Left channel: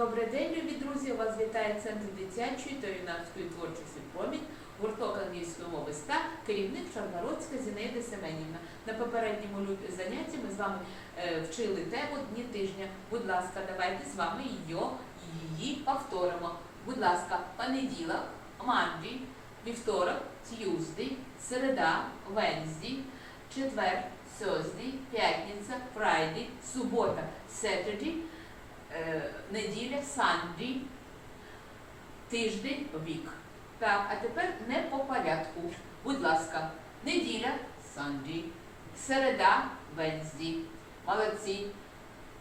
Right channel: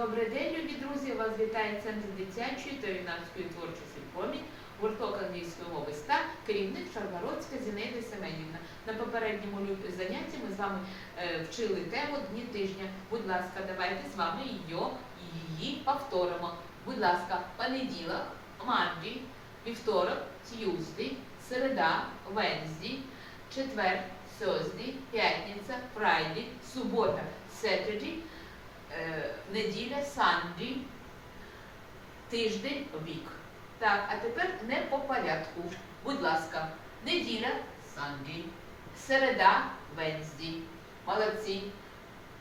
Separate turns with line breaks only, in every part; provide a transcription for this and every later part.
Добрий день, любі друзі! Вас вітає Центр дитячої та юнацької творчості «Промінь», гурток англійської мови СТА, керівник Шаргородська Зінаїда Семенівна. На попередньому занятті ми з вами е, вчили тему Дні тижня. Будь ласка, давайте з вами її, повторимо. Будь ласка, понеділок, Monday, вівторок, Tuesday, середа, Wednesday, четвер, Thursday, п'ятниця, Friday, субота, е, неділя, Sunday, тиждень, вік. Так, а тепер не по порядку. Будь ласка, неділя, Sunday, середа, Wednesday. Молодці.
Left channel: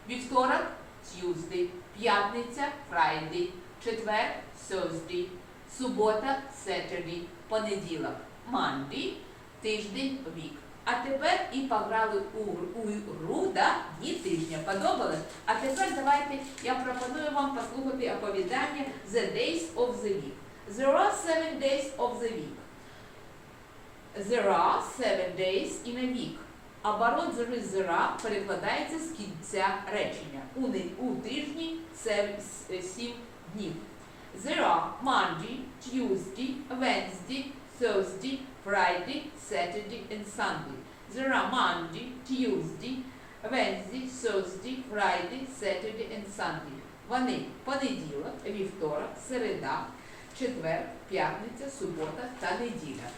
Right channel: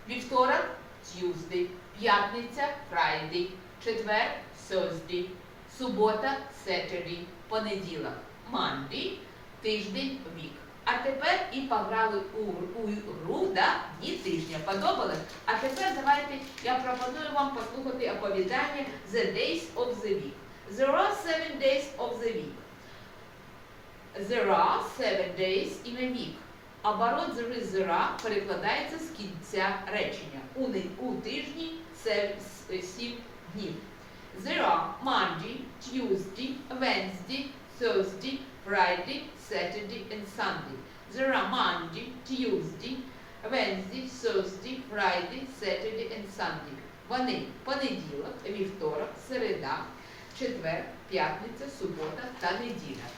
Вівторок, Tuesday, п'ятниця, Friday, четвер, Thursday, субота, Saturday, понеділок, Monday, тиждень, вік. А тепер і пограли у, у гру да, дні тижня. Подобалось? А тепер давайте я пропоную вам послухати оповідання The Days of the Week. There are seven days of the week. There are seven days in a week. Оборот there is there are перекладається з кінця речення. У, у тижні це сім днів. There are Monday, Tuesday, Wednesday, Thursday, Friday, Saturday and Sunday. There are Monday, Tuesday, Wednesday, Thursday, Friday, Saturday and Sunday. Вони понеділок, вівторок, середа, четвер, п'ятниця, субота та неділя.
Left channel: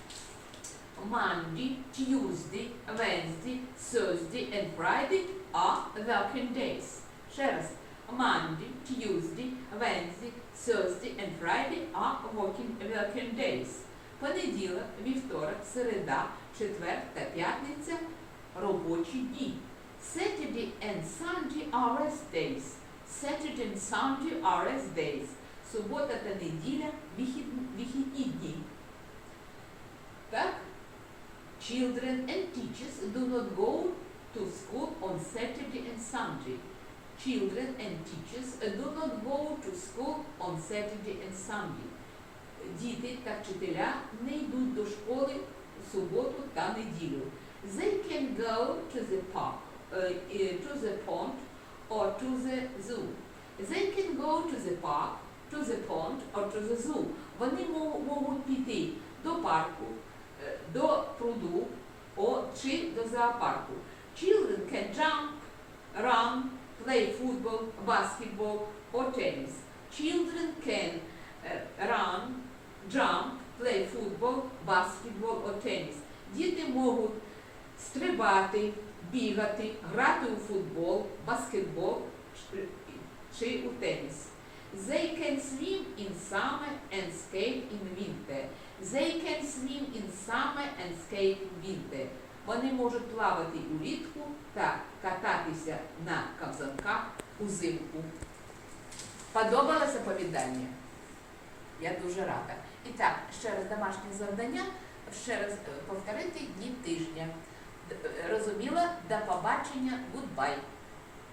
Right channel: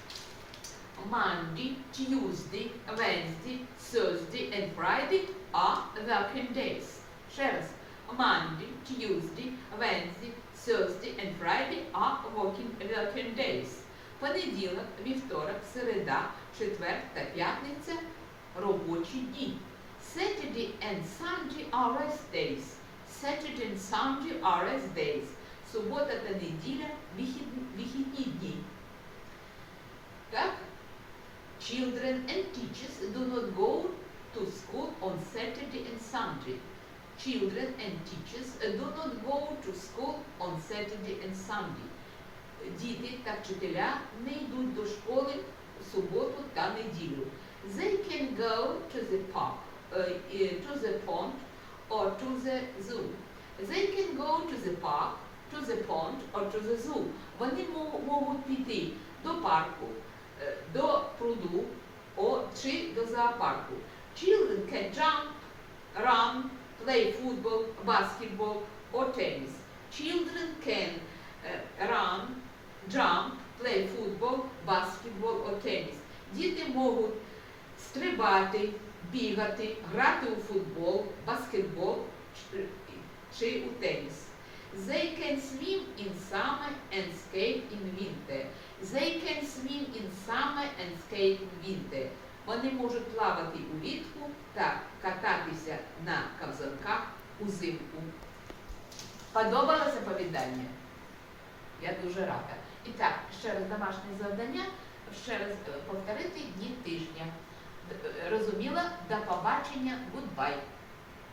Monday, Tuesday, Wednesday, Thursday and Friday are working days. Ще раз. Monday, Tuesday, Wednesday, Thursday and Friday are working, working days. Понеділок, вівторок, середа, четвер та п'ятниця робочі дні. Saturday and Sunday are rest days. Saturday and Sunday are rest days. Субота та неділя вихідні, вихідні дні. Так? Children and teachers do not go to school on Saturday and Sunday. Children and teachers do not go to school on Saturday and Sunday. Діти та вчителя не йдуть до школи в суботу та неділю. They can go to the park, uh, uh, to the pond or to the zoo. They can go to the park, to the pond or to the zoo. Вони мо- можуть піти до парку, е, до пруду чи до зоопарку. Children can jump, run, play football, basketball or tennis. Children can е, run, jump, play football, basketball or tennis. Діти можуть стрибати, бігати, грати у футбол, баскетбол чи- у теніс. They can swim in summer and skate in winter. They can swim in summer and skate in winter. Вони можуть плавати улітку та кататися на ковзанках узимку. Подобалося повідання? Я дуже рада. І так, ще раз домашнє завдання, ще раз е, повторити дні тижня. Е, Розуміла? До побачення, goodbye.